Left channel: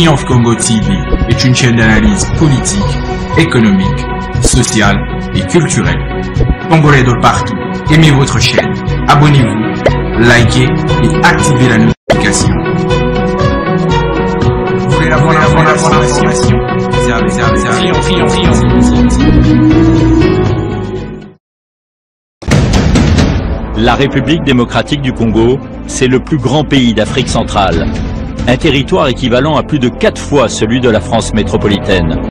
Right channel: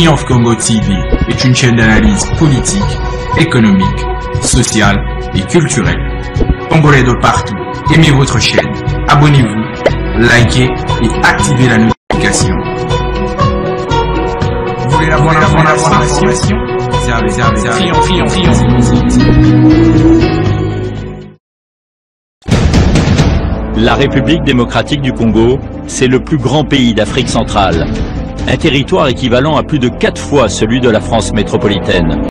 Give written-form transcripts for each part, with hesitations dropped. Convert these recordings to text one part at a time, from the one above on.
Triomphe Congo TV est une chaîne d'analyse politique, économique, sociale et culturelle. Congolais de partout, aimez votre chaîne, abonnez-vous, likez et activez la notification. Vous voulez avoir l'information? La République démocratique du Congo, c'est le plus grand pays d'Afrique centrale. Un territoire équivalent à plus de 4 fois celui de la France métropolitaine.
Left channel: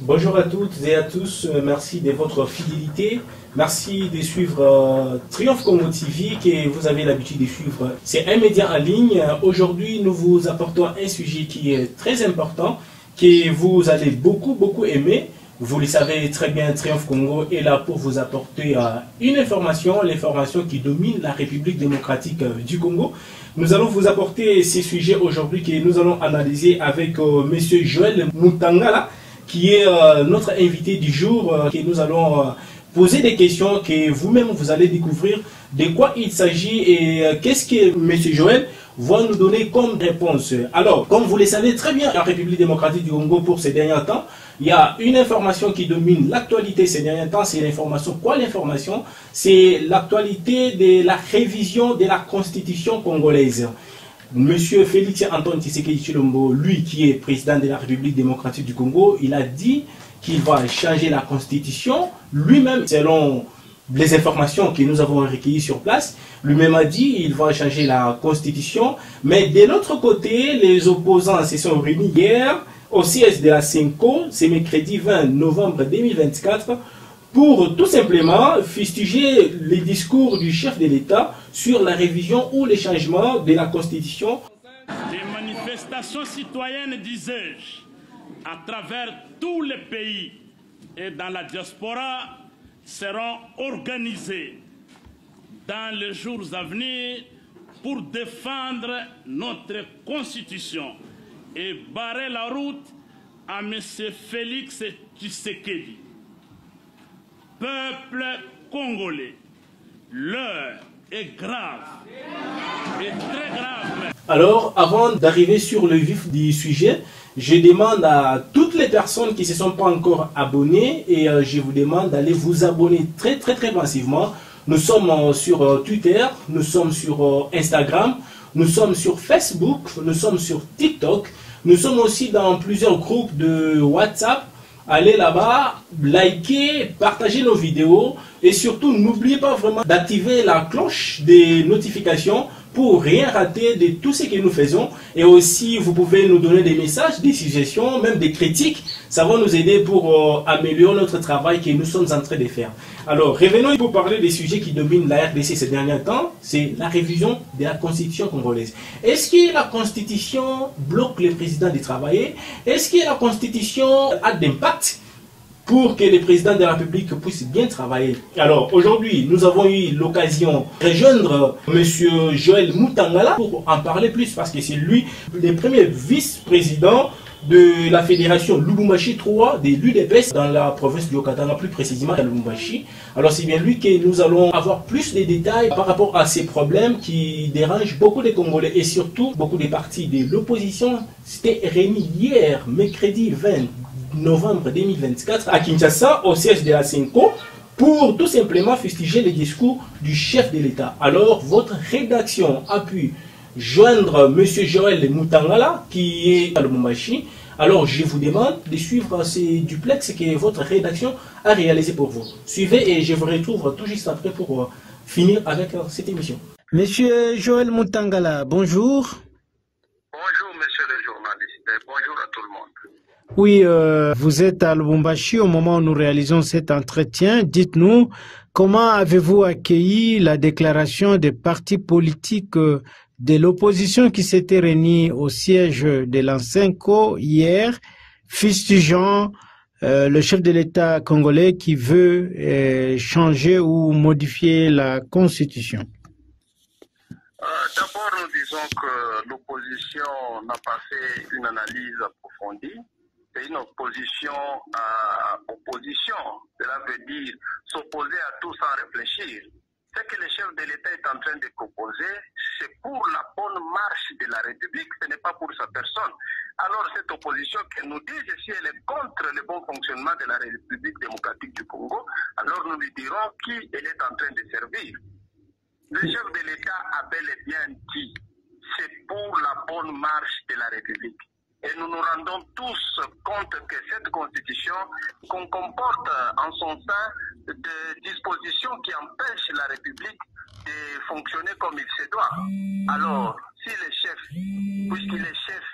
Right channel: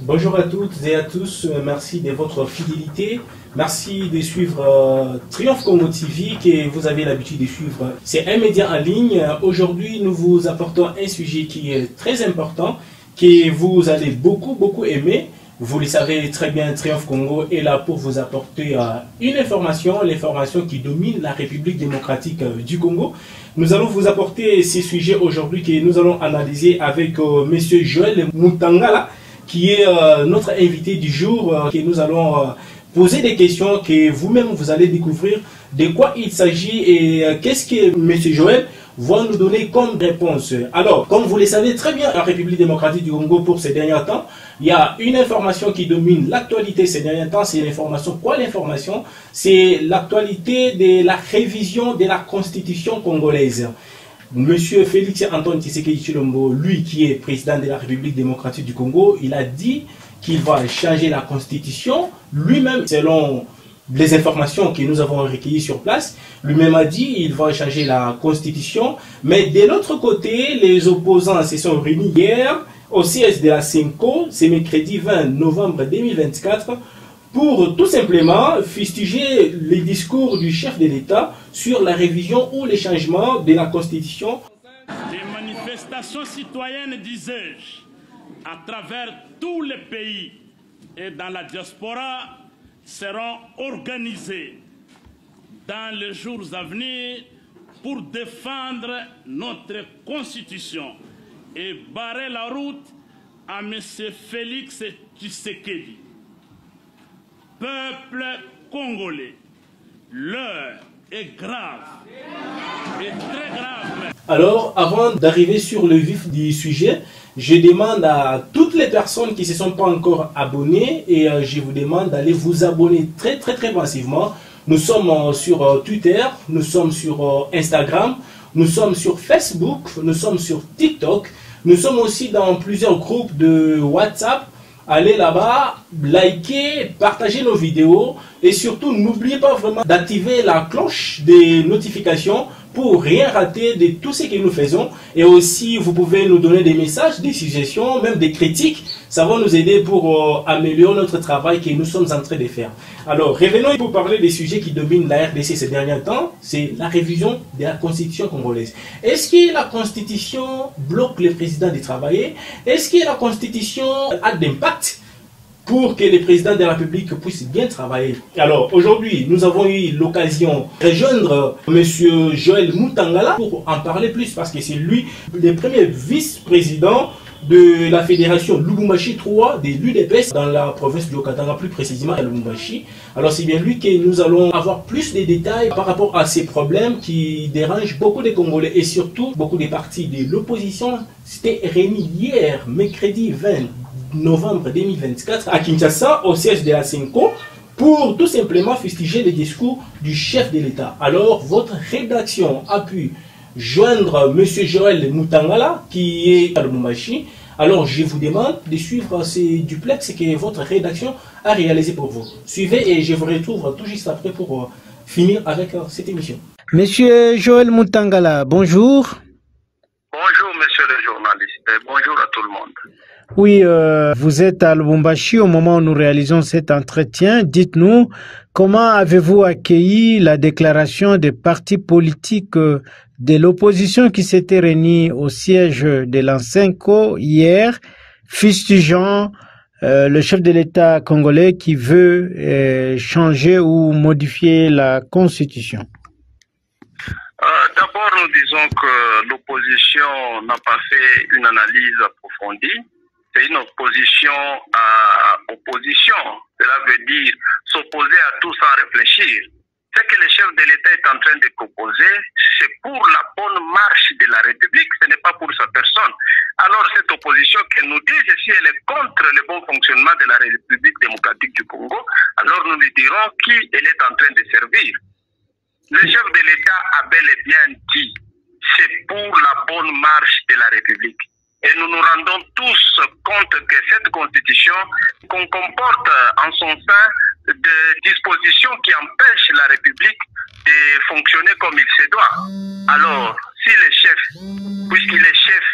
Bonjour à toutes et à tous, merci de votre fidélité. Merci de suivre Triomphe Congo TV que vous avez l'habitude de suivre. C'est un média en ligne. Aujourd'hui, nous vous apportons un sujet qui est très important, que vous allez beaucoup aimer. Vous le savez très bien, Triomphe Congo est là pour vous apporter une information, l'information qui domine la République démocratique du Congo. Nous allons vous apporter ces sujets aujourd'hui que nous allons analyser avec Monsieur Joël Mutangala, qui est notre invité du jour, que nous allons poser des questions que vous-même vous allez découvrir de quoi il s'agit et qu'est-ce que Monsieur Joël va nous donner comme réponse. Alors, comme vous le savez très bien, en République démocratique du Congo, pour ces derniers temps, il y a une information qui domine l'actualité ces derniers temps, c'est l'information. Quoi l'information? C'est l'actualité de la révision de la Constitution congolaise. Monsieur Félix Antoine Tshisekedi Tshilombo, lui qui est président de la République démocratique du Congo, il a dit qu'il va changer la Constitution. Lui-même, selon les informations que nous avons recueillies sur place, lui-même a dit qu'il va changer la Constitution. Mais de l'autre côté, les opposants se sont réunis hier au siège de la CENCO, c'est mercredi 20 novembre 2024, pour tout simplement fustiger les discours du chef de l'État sur la révision ou les changements de la Constitution. Des manifestations citoyennes, disais-je, à travers tous les pays et dans la diaspora seront organisées dans les jours à venir pour défendre notre Constitution et barrer la route à M. Félix Tshisekedi. Peuple congolais, l'heure est grave, est très grave. Alors, avant d'arriver sur le vif du sujet, je demande à toutes les personnes qui ne se sont pas encore abonnées et je vous demande d'aller vous abonner très massivement. Nous sommes sur Twitter, nous sommes sur Instagram, nous sommes sur Facebook, nous sommes sur TikTok, nous sommes aussi dans plusieurs groupes de WhatsApp. Allez là-bas, likez, partagez nos vidéos et surtout n'oubliez pas vraiment d'activer la cloche des notifications pour rien rater de tout ce que nous faisons. Et aussi, vous pouvez nous donner des messages, des suggestions, même des critiques. Ça va nous aider pour améliorer notre travail que nous sommes en train de faire. Alors, revenons pour parler des sujets qui dominent la RDC ces derniers temps. C'est la révision de la Constitution congolaise. Est-ce que la Constitution bloque le président de travailler? Est-ce que la Constitution a d'impact pour que le président de la République puisse bien travailler? Alors aujourd'hui, nous avons eu l'occasion de rejoindre M. Joël Mutangala pour en parler plus parce que c'est lui le premier vice-président de la fédération Lubumbashi 3 de l'UDPS dans la province du Okatanga, plus précisément à Lubumbashi. Alors c'est bien lui que nous allons avoir plus de détails par rapport à ces problèmes qui dérangent beaucoup de Congolais et surtout beaucoup de partis de l'opposition. C'était réuni hier, mercredi 20 novembre 2024 à Kinshasa, au siège de la CENCO, pour tout simplement fustiger les discours du chef de l'État. Alors, votre rédaction a pu joindre M. Joël Mutangala, qui est à Lubumbashi. Alors, je vous demande de suivre ces duplex que votre rédaction a réalisé pour vous. Suivez et je vous retrouve tout juste après pour finir avec cette émission. Monsieur Joël Mutangala, bonjour. Bonjour, monsieur le journaliste. Bonjour à tout le monde. Oui, vous êtes à Lubumbashi au moment où nous réalisons cet entretien. Dites-nous, comment avez-vous accueilli la déclaration des partis politiques de l'opposition qui s'était réunis au siège de l'ANCENCO hier, fustigeant le chef de l'État congolais qui veut changer ou modifier la Constitution? D'abord, nous disons que l'opposition n'a pas fait une analyse approfondie. C'est une opposition à opposition. Cela veut dire s'opposer à tout sans réfléchir. Ce que le chef de l'État est en train de proposer, c'est pour la bonne marche de la République, ce n'est pas pour sa personne. alors cette opposition qui nous dise si elle est contre le bon fonctionnement de la République démocratique du Congo, alors nous lui dirons qui elle est en train de servir. Le chef de l'État a bel et bien dit, c'est pour la bonne marche de la République. Et nous nous rendons tous compte que cette constitution comporte en son sein des dispositions qui empêchent la République de fonctionner comme il se doit. Alors, si le chef, puisqu'il est chef,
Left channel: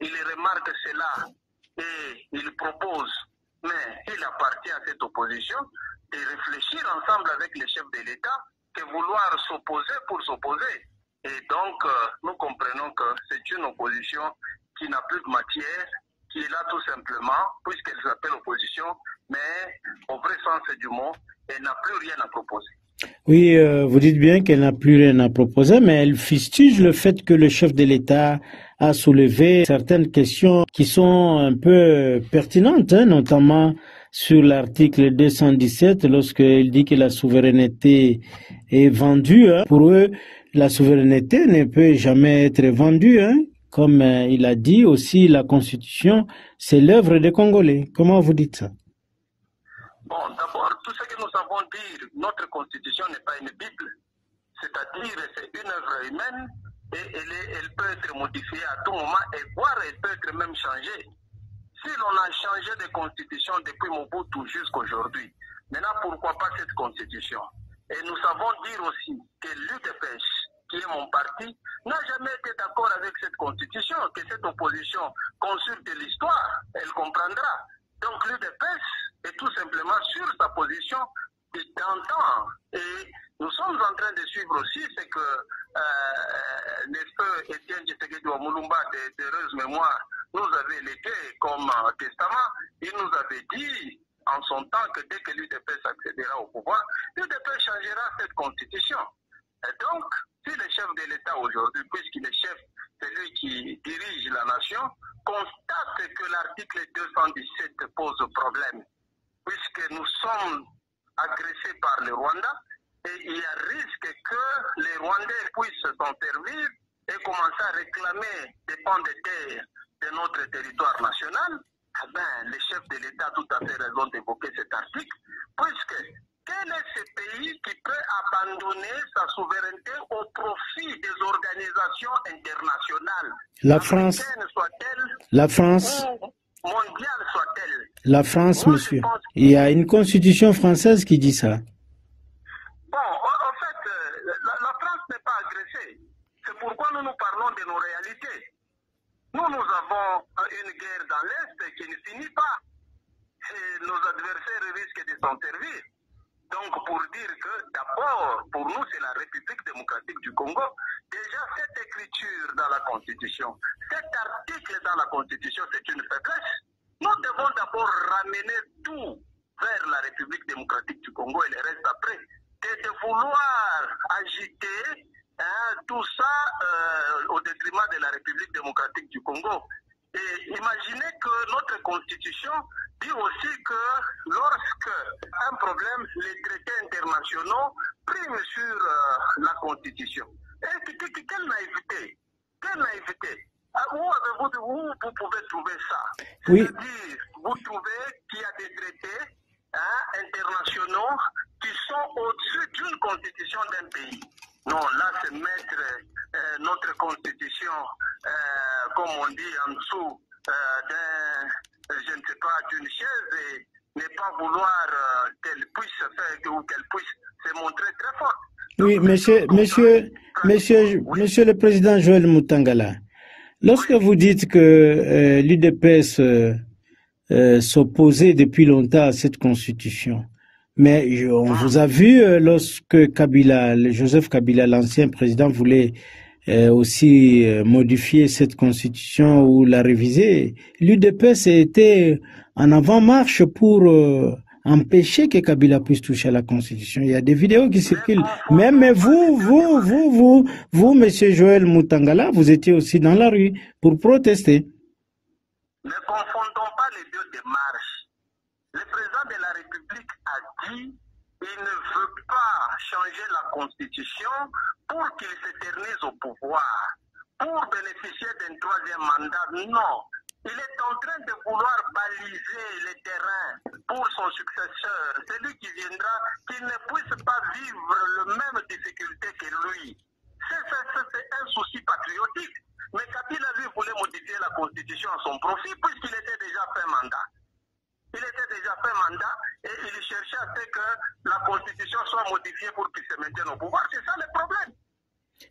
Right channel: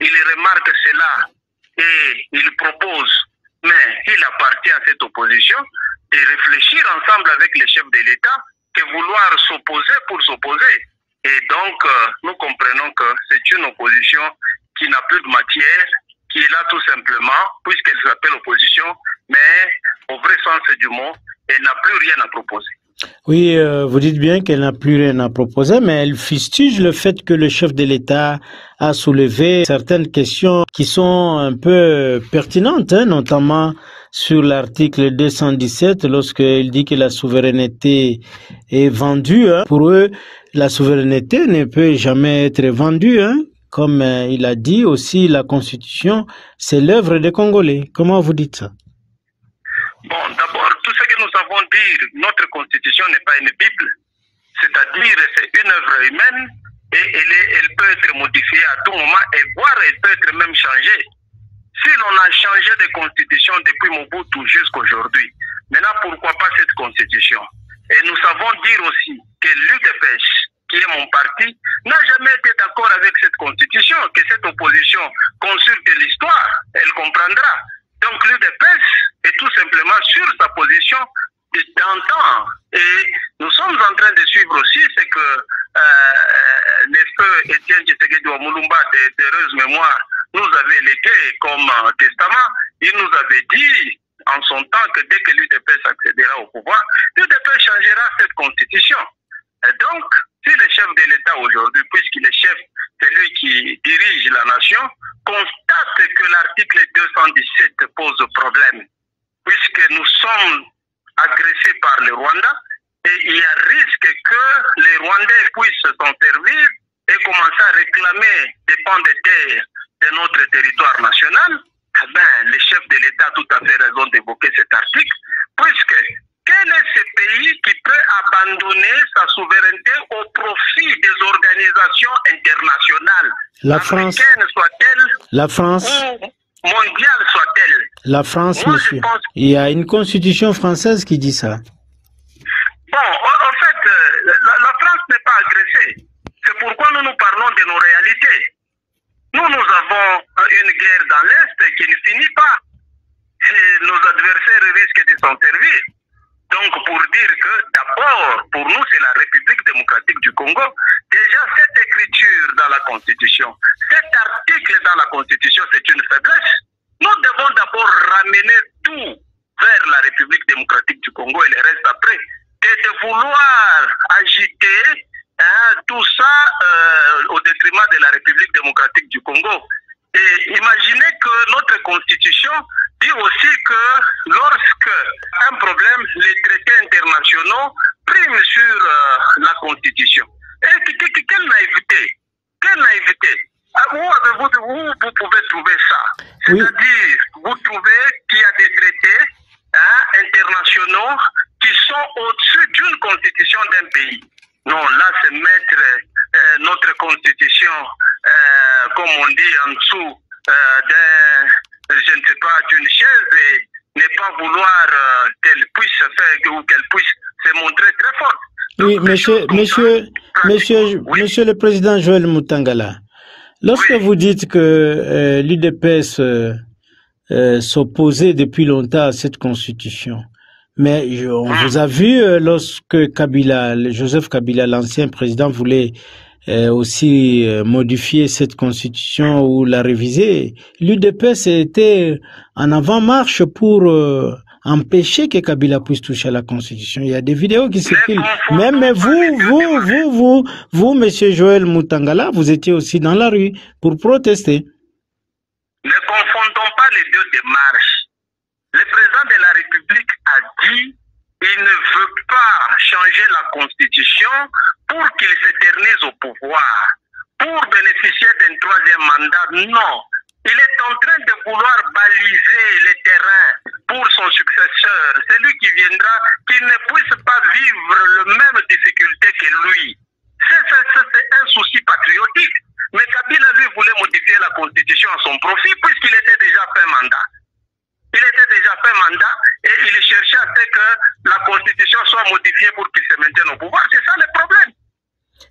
il remarque cela et il propose, mais il appartient à cette opposition, de réfléchir ensemble avec les chefs de l'État que vouloir s'opposer pour s'opposer. Et donc, nous comprenons que c'est une opposition qui n'a plus de matière, qui est là tout simplement, puisqu'elle s'appelle opposition, mais au vrai sens du mot, elle n'a plus rien à proposer. Oui, vous dites bien qu'elle n'a plus rien à proposer, mais elle fustige le fait que le chef de l'État a soulevé certaines questions qui sont un peu pertinentes, notamment sur l'article 217, lorsqu'il dit que la souveraineté est vendue. Pour eux, la souveraineté ne peut jamais être vendue. Comme il a dit aussi, la Constitution, c'est l'œuvre des Congolais. Comment vous dites ça? Bon, d'abord, tout ce que nous savons dire, notre Constitution n'est pas une Bible. C'est-à-dire, c'est une œuvre humaine et elle peut être modifiée à tout moment et voire elle peut être même changée. Si l'on a changé de Constitution depuis Mobutu jusqu'à aujourd'hui, maintenant pourquoi pas cette Constitution? Et nous savons dire aussi que l'UDPS, qui est mon parti, n'a jamais été d'accord avec cette Constitution, que cette opposition consulte l'histoire, elle comprendra. Donc l'UDPS est tout simplement sur sa position d'antan. Et nous sommes en train de suivre aussi ce que le feu Étienne Tshisekedi Wamulumba d'heureuse mémoire nous avait légué comme testament. Il nous avait dit en son temps que dès que l'UDPS accédera au pouvoir, l'UDPS changera cette constitution. Et donc, si le chef de l'État aujourd'hui, puisqu'il est chef, c'est lui qui dirige la nation, constate que l'article 217 pose problème, puisque nous sommes agressés par le Rwanda, et il y a risque que les Rwandais puissent s'en servir et commencer à réclamer des pans de terre de notre territoire national. Eh bien, le chef de l'État a tout à fait raison d'évoquer cet article, puisque quel est ce pays qui peut abandonner sa souveraineté au profit des organisations internationales, la France, soit-elle, la France, ou mondiale soit-elle? La France, moi, monsieur. Il y a une constitution française qui dit ça. Bon, en fait, la France n'est pas agressée. C'est pourquoi nous parlons de nos réalités. Nous avons une guerre dans l'Est qui ne finit pas. Et nos adversaires risquent de s'en servir. Donc, pour dire que, d'abord, pour nous, c'est la République démocratique du Congo. Déjà, cette écriture dans la Constitution, cet article dans la Constitution, c'est une faiblesse. Nous devons d'abord ramener tout vers la République démocratique du Congo et le reste après. Et de vouloir agiter tout ça au détriment de la République démocratique du Congo. Et imaginez que notre Constitution dit aussi que lorsque un problème, les traités internationaux priment sur la Constitution. Et quelle naïveté! Quelle naïveté! Où vous pouvez trouver ça? Oui. C'est-à-dire, vous trouvez qu'il y a des traités internationaux qui sont au-dessus d'une constitution d'un pays. Non, là, c'est mettre notre constitution, comme on dit, en dessous je ne sais pas, d'une chaise et ne pas vouloir qu'elle puisse faire ou qu'elle puisse se montrer très forte. Oui, Donc, monsieur le président Joël Mutangala, lorsque vous dites que l'UDPS s'opposait depuis longtemps à cette constitution, mais on vous a vu lorsque Joseph Kabila, l'ancien président, voulait aussi modifier cette constitution ou la réviser. L'UDPS était en avant-marche pour empêcher que Kabila puisse toucher à la constitution. Il y a des vidéos qui circulent. Même vous, monsieur Joël Mutangala, vous étiez aussi dans la rue pour protester. Ne confondons pas les deux démarches. Le président de la République a dit qu'il ne veut pas changer la constitution pour qu'il s'éternise au pouvoir, pour bénéficier d'un troisième mandat. Non, Il est en train de vouloir baliser les terrains pour son successeur, celui qui viendra, qui ne puisse pas vivre le même difficulté que lui. C'est un souci patriotique. Mais Kabila, lui, voulait modifier la constitution à son profit puisqu'il était déjà fait mandat. Il était déjà fait mandat et il cherchait à ce que la constitution soit modifiée pour qu'il se maintienne au pouvoir. C'est ça le problème.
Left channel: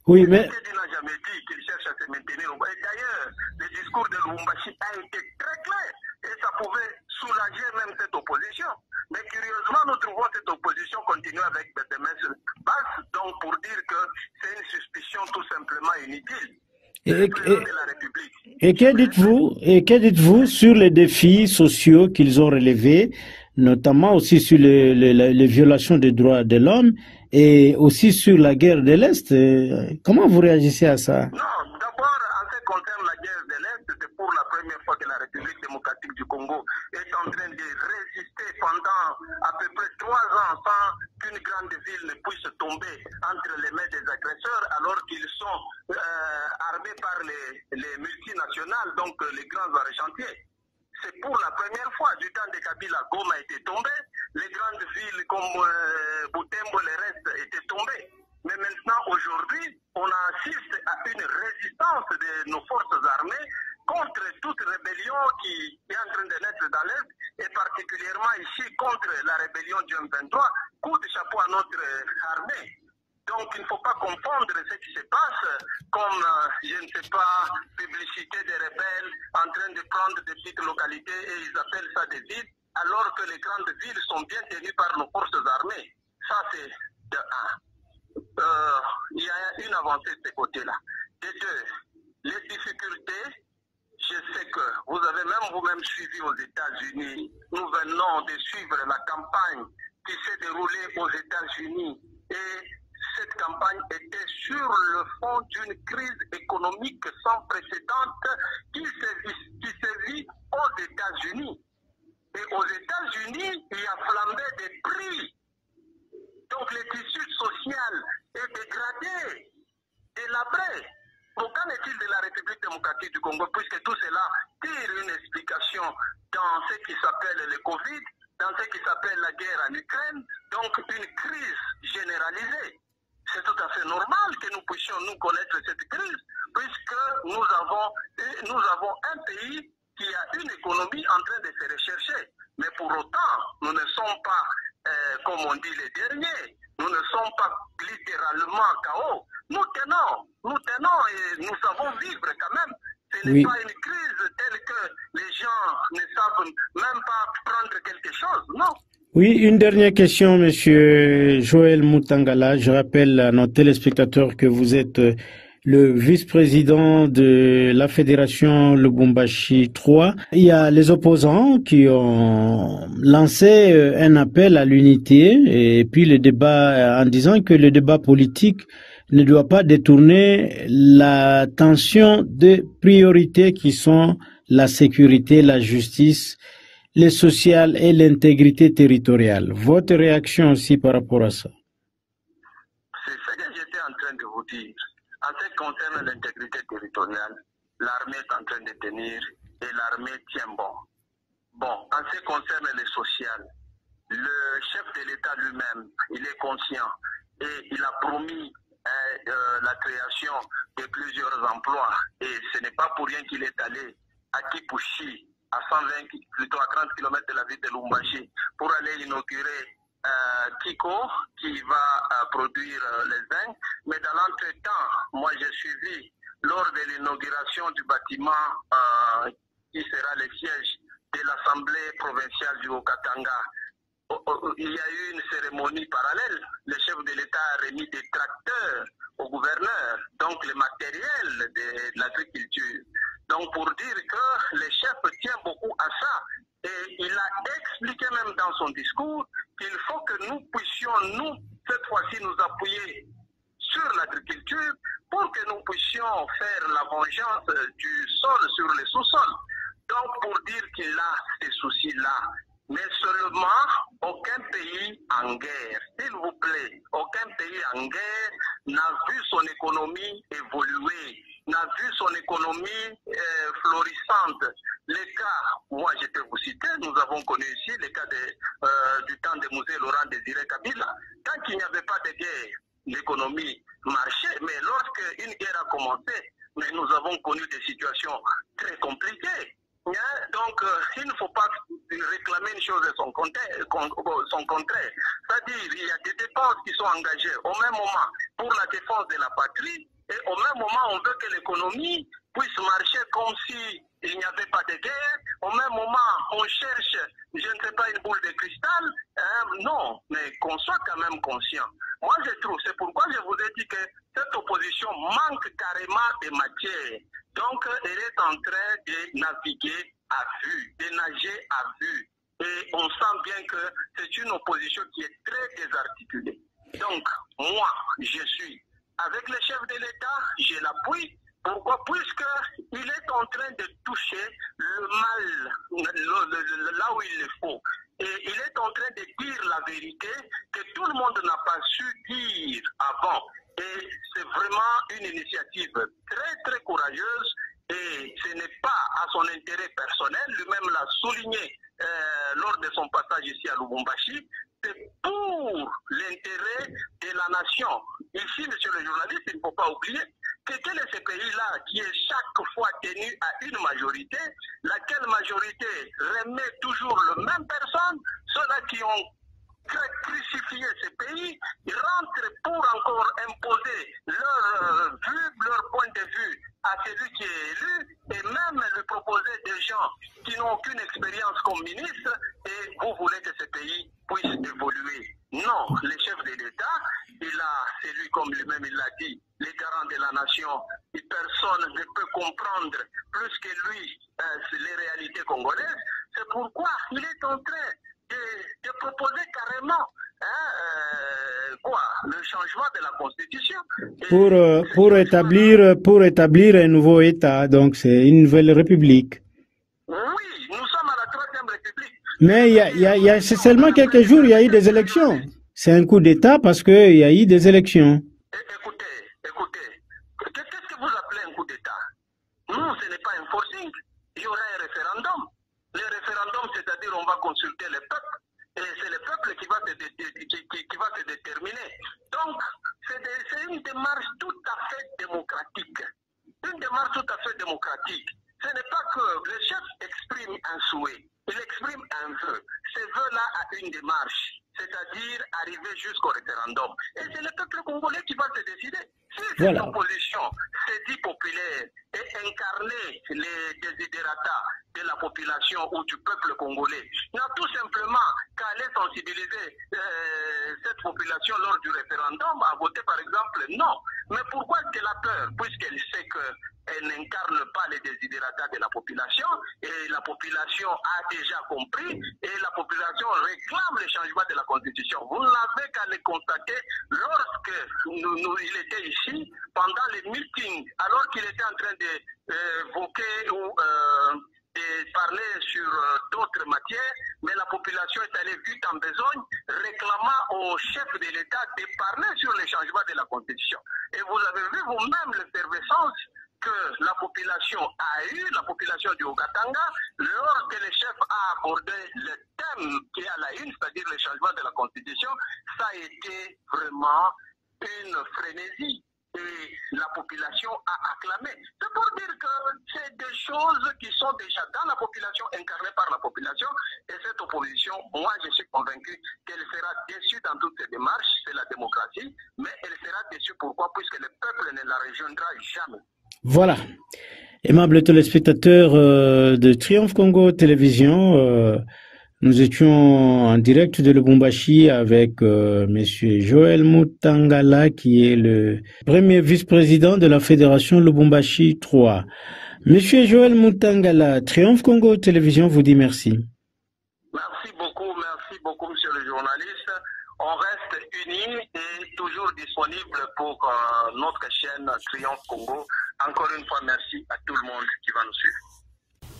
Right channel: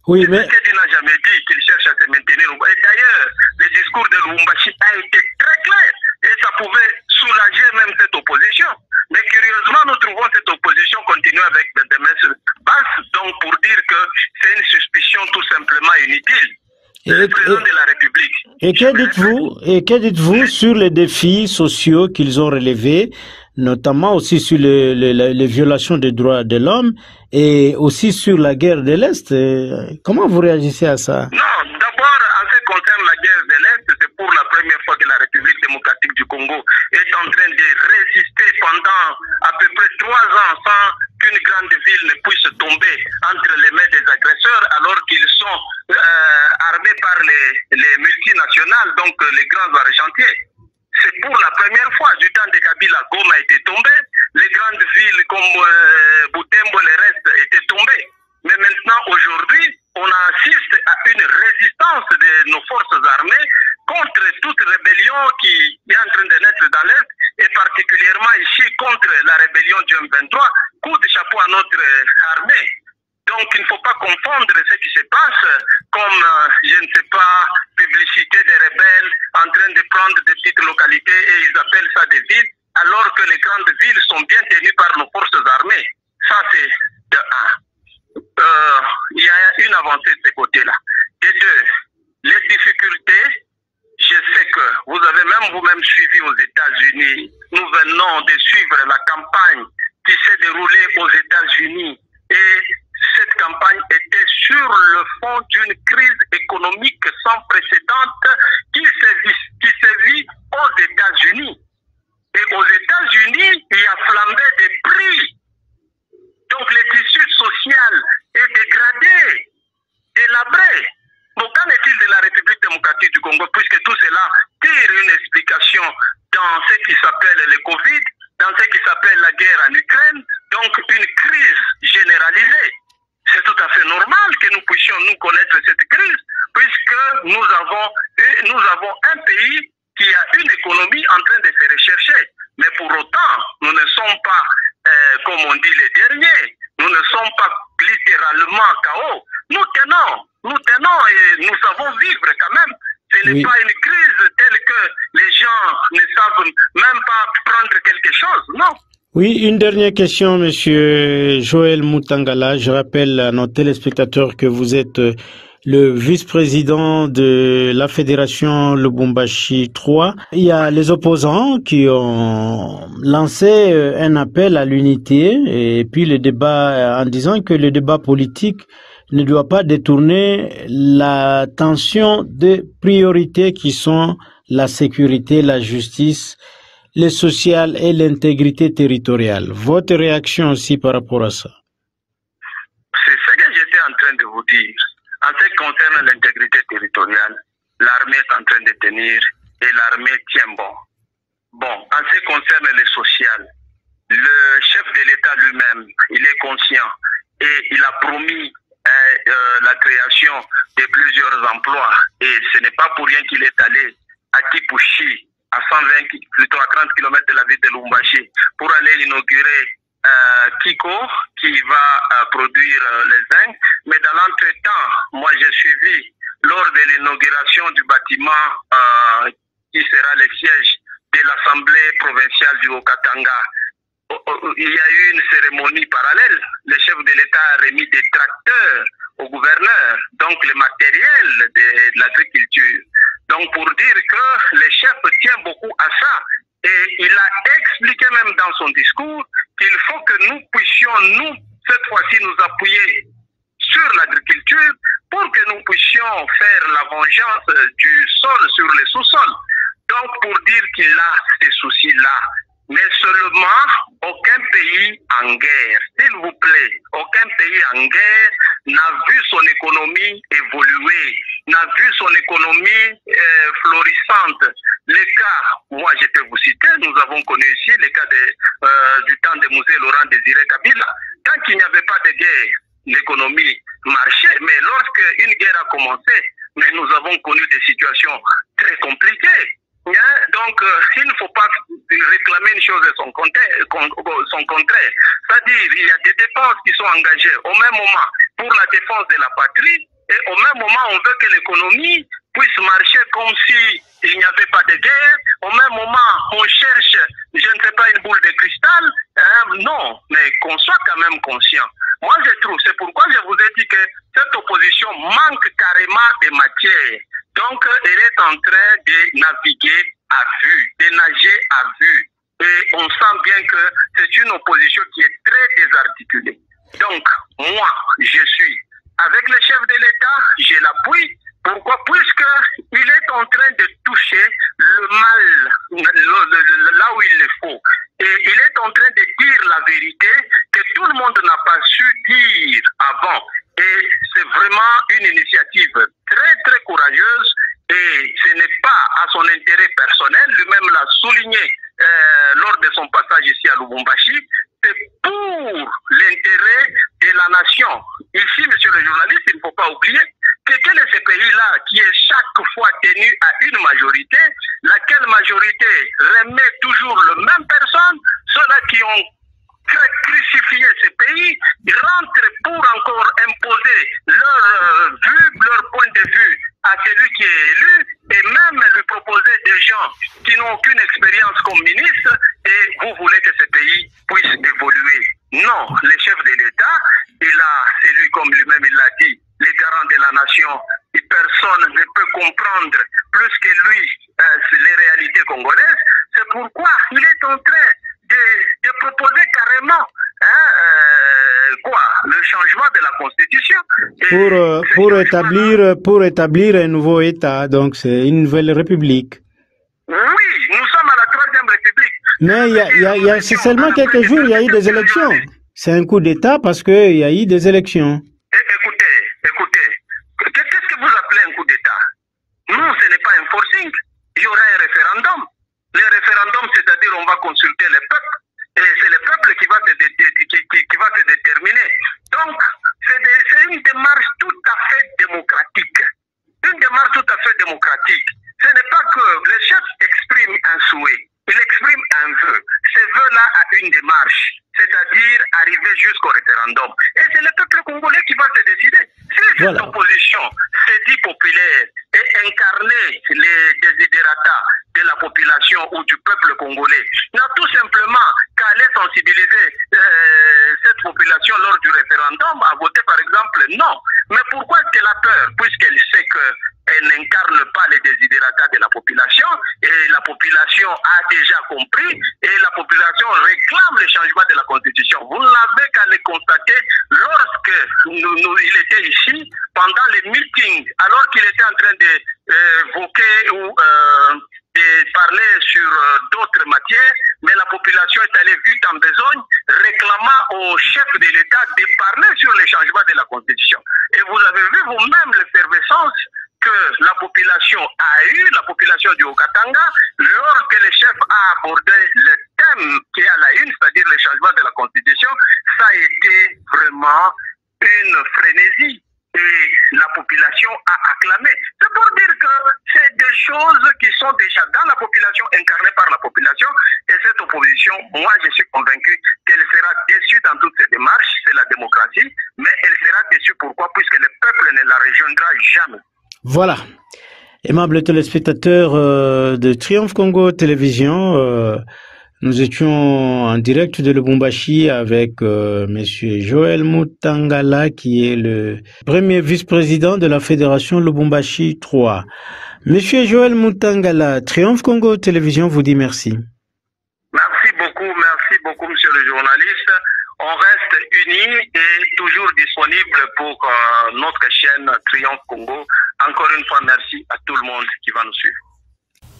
Oui, mais... Il n'a jamais dit qu'il cherche à se maintenir au pouvoir. Et d'ailleurs, le discours de Lubumbashi a été très clair et ça pouvait soulager même cette opposition. Mais curieusement, nous trouvons cette opposition continuer avec des messes basses, donc pour dire que c'est une suspicion tout simplement inutile. Le président de la République. Et que dites-vous sur les défis sociaux qu'ils ont relevés, notamment aussi sur les violations des droits de l'homme et aussi sur la guerre de l'Est? Comment vous réagissez à ça? Non, d'abord, en ce qui concerne la guerre de l'Est, c'est pour la première fois que la République démocratique du Congo est en train de résister pendant à peu près 3 ans sans qu'une grande ville ne puisse tomber entre les mains des agresseurs alors qu'ils sont armés par les multinationales, donc les grands argentiers. C'est pour la première fois du temps de Kabila, Goma a été tombé, les grandes villes comme Butembo, les restes étaient tombés. Mais maintenant, aujourd'hui, on assiste à une résistance de nos forces armées contre toute rébellion qui est en train de naître dans l'Est, et particulièrement ici contre la rébellion du M23, coup de chapeau à notre armée. Donc il ne faut pas confondre ce qui se passe comme, je ne sais pas, publicité des rebelles en train de prendre des petites localités et ils appellent ça des villes, alors que les grandes villes sont bien tenues par nos forces armées. Ça c'est de un. Il y a une avancée de ce côté-là. De deux, les difficultés, je sais que vous avez même vous-même suivi aux États-Unis. Nous venons de suivre la campagne qui s'est déroulée aux États-Unis et cette campagne était sur le fond d'une crise économique sans précédent qui se vit aux États-Unis. Et aux États-Unis, il y a flambé des prix. Donc le tissu social est dégradé, délabré. Bon, qu'en est-il de la République démocratique du Congo, puisque tout cela tire une explication dans ce qui s'appelle le Covid, dans ce qui s'appelle la guerre en Ukraine, donc une crise généralisée. C'est tout à fait normal que nous puissions nous connaître cette crise, puisque nous avons un pays qui a une économie en train de se rechercher. Mais pour autant, nous ne sommes pas, comme on dit, les derniers. Nous ne sommes pas littéralement KO. Nous tenons et nous savons vivre quand même. Ce n'est pas une crise telle que les gens ne savent même pas prendre quelque chose, non. Oui, une dernière question, Monsieur Joël Mutangala. Je rappelle à nos téléspectateurs que vous êtes le vice-président de la Fédération Lubumbashi 3. Il y a les opposants qui ont lancé un appel à l'unité et puis le débat en disant que le débat politique ne doit pas détourner l'attention des priorités qui sont la sécurité, la justice, le social et l'intégrité territoriale. Votre réaction aussi par rapport à ça? C'est ce que j'étais en train de vous dire. En ce qui concerne l'intégrité territoriale, l'armée est en train de tenir et l'armée tient bon. Bon, en ce qui concerne le social, le chef de l'État lui-même, il est conscient et il a promis la création de plusieurs emplois. Et ce n'est pas pour rien qu'il est allé à Kipushi, à 120, plutôt à 30 km de la ville de Lubumbashi, pour aller inaugurer Kiko, qui va produire les zinc. Mais dans l'entretemps, moi j'ai suivi lors de l'inauguration du bâtiment qui sera le siège de l'Assemblée provinciale du Haut-Katanga. Il y a eu une cérémonie parallèle. Le chef de l'État a remis des tracteurs au gouverneur, donc le matériel de l'agriculture. Donc pour dire que le chef tient beaucoup à ça. Et il a expliqué même dans son discours qu'il faut que nous puissions, nous, cette fois-ci, nous appuyer sur l'agriculture pour que nous puissions faire la vengeance du sol sur les sous-sols. Donc pour dire qu'il a ces soucis-là. Mais seulement, aucun pays en guerre, s'il vous plaît, aucun pays en guerre n'a vu son économie évoluer, n'a vu son économie florissante. Les cas, moi je peux vous citer, nous avons connu ici les cas du temps de Mouzé Laurent Désiré Kabila. Tant qu'il n'y avait pas de guerre, l'économie marchait, mais lorsque une guerre a commencé, mais nous avons connu des situations très compliquées. Donc, il ne faut pas réclamer une chose et son contraire. C'est-à-dire, il y a des dépenses qui sont engagées au même moment pour la défense de la patrie, et au même moment, on veut que l'économie puisse marcher comme si il n'y avait pas de guerre. Au même moment, on cherche, je ne sais pas, une boule de cristal. Non, mais qu'on soit quand même conscient. Moi, je trouve, c'est pourquoi je vous ai dit que cette opposition manque carrément de matière. Donc, elle est en train de naviguer à vue, de nager à vue. Et on sent bien que c'est une opposition qui est très désarticulée. Donc, moi, je suis avec le chef de l'État, je l'appuie. Pourquoi? Puisqu'il est en train de toucher le mal là où il le faut. Et il est en train de dire la vérité que tout le monde n'a pas su dire avant. Et c'est vraiment une initiative très, très courageuse. Et ce n'est pas à son intérêt personnel. Lui-même l'a souligné lors de son passage ici à Lubumbashi. C'est pour l'intérêt de la nation. Ici, monsieur le journaliste, il ne faut pas oublier que quel est ce pays-là qui est chaque fois tenu à une majorité, laquelle majorité remet toujours la même personne, ceux-là qui ont crucifié ce pays, rentrent pour encore imposer leur vue, leur point de vue à celui qui est élu, et même lui proposer des gens qui n'ont aucune expérience comme ministre, et vous voulez que ce pays puisse évoluer. Non, le chef de l'État, c'est lui comme lui-même il l'a dit, les garants de la nation, et personne ne peut comprendre plus que lui les réalités congolaises. C'est pourquoi il est en train de proposer carrément le changement de la Constitution. Pour établir un nouveau État, donc c'est une nouvelle République. Oui, nous sommes à la 3e République. Mais c'est seulement quelques jours, il y a eu des élections. C'est un coup d'État parce qu'il y a eu des élections. Écoutez, qu'est-ce que vous appelez un coup d'État? Non, ce n'est pas un forcing. Il y aura un référendum. Le référendum, c'est-à-dire on va consulter le peuple. Et c'est le peuple qui va se déterminer. Donc, c'est une démarche tout à fait démocratique. Une démarche tout à fait démocratique. Ce n'est pas que le chef exprime un souhait. Il exprime un vœu. Ce vœu-là a une démarche, c'est-à-dire arriver jusqu'au référendum. Et c'est le peuple congolais qui va se décider. Si cette opposition s'est dit populaire et incarner les désidératas de la population ou du peuple congolais, n'a tout simplement qu'à aller sensibiliser cette population lors du référendum à voter par exemple non. Mais pourquoi est-ce qu'elle a peur? Puisqu'elle sait qu'elle n'incarne pas les désidératas de la population, et la population a déjà compris, et la population réclame le changement de la Constitution. Vous n'avez qu'à le constater lorsque il était ici, pendant les meetings, alors qu'il était en train d'évoquer ou de parler sur d'autres matières, mais la population est allée vite en besogne, réclamant au chef de l'État de parler sur le changement de la Constitution. Et vous avez vu vous-même l'effervescence que la population a eu, la population du Haut-Katanga, lorsque le chef a abordé le thème qui est à la une, c'est-à-dire le changement de la Constitution, ça a été vraiment une frénésie. Et la population a acclamé. C'est pour dire que c'est des choses qui sont déjà dans la population, incarnées par la population. Et cette opposition, moi je suis convaincu qu'elle sera déçue dans toutes ces démarches. C'est la démocratie. Mais elle sera déçue pourquoi? Puisque le peuple ne la rejoindra jamais. Voilà. Aimables téléspectateurs de Triomphe Congo Télévision, nous étions en direct de Lubumbashi avec Monsieur Joël Mutangala, qui est le premier vice-président de la Fédération Lubumbashi 3. Monsieur Joël Mutangala, Triomphe Congo Télévision vous dit merci. Merci beaucoup, monsieur le journaliste. On reste unis et toujours disponible pour notre chaîne Triomphe Congo. Encore une fois, merci à tout le monde qui va nous suivre.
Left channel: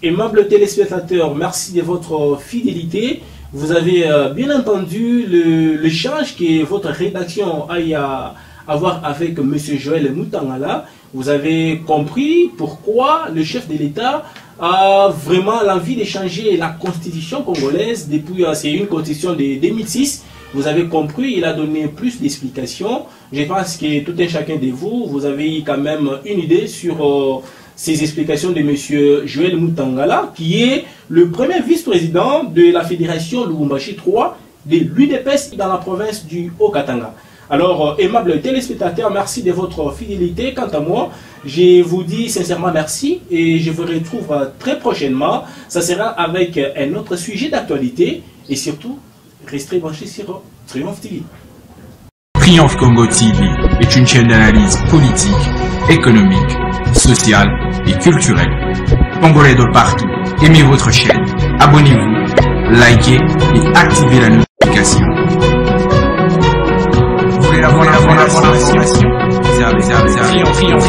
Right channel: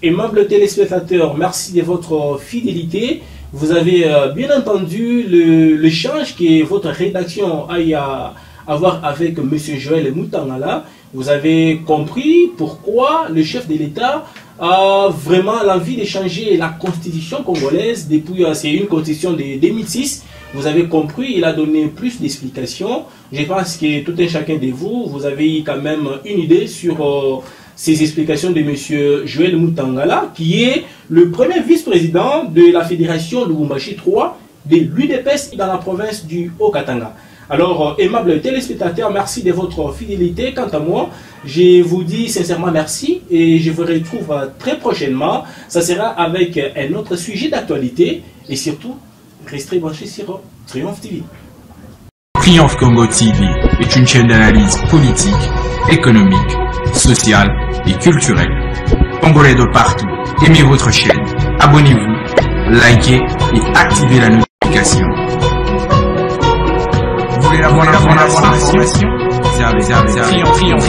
Aimables téléspectateurs, merci de votre fidélité. Vous avez bien entendu l'échange que votre rédaction a à voir avec M. Joël Mutangala. Vous avez compris pourquoi le chef de l'État a vraiment l'envie de changer la constitution congolaise depuis, c'est une constitution de 2006. Vous avez compris, il a donné plus d'explications. Je pense que tout un chacun de vous, vous avez quand même une idée sur ces explications de M. Joël Mutangala, qui est le premier vice-président de la fédération Lubumbashi 3 de l'UDPS dans la province du Haut-Katanga. Alors, aimables téléspectateurs, merci de votre fidélité. Quant à moi, je vous dis sincèrement merci et je vous retrouve très prochainement. Ça sera avec un autre sujet d'actualité et surtout, restez branchés sur Triomphe TV. Triomphe Congo TV est une chaîne d'analyse politique, économique, sociale et culturelle. Congolais de partout, aimez votre chaîne, abonnez-vous, likez et activez la notification. Vous voulez la bonne information? Triomphe.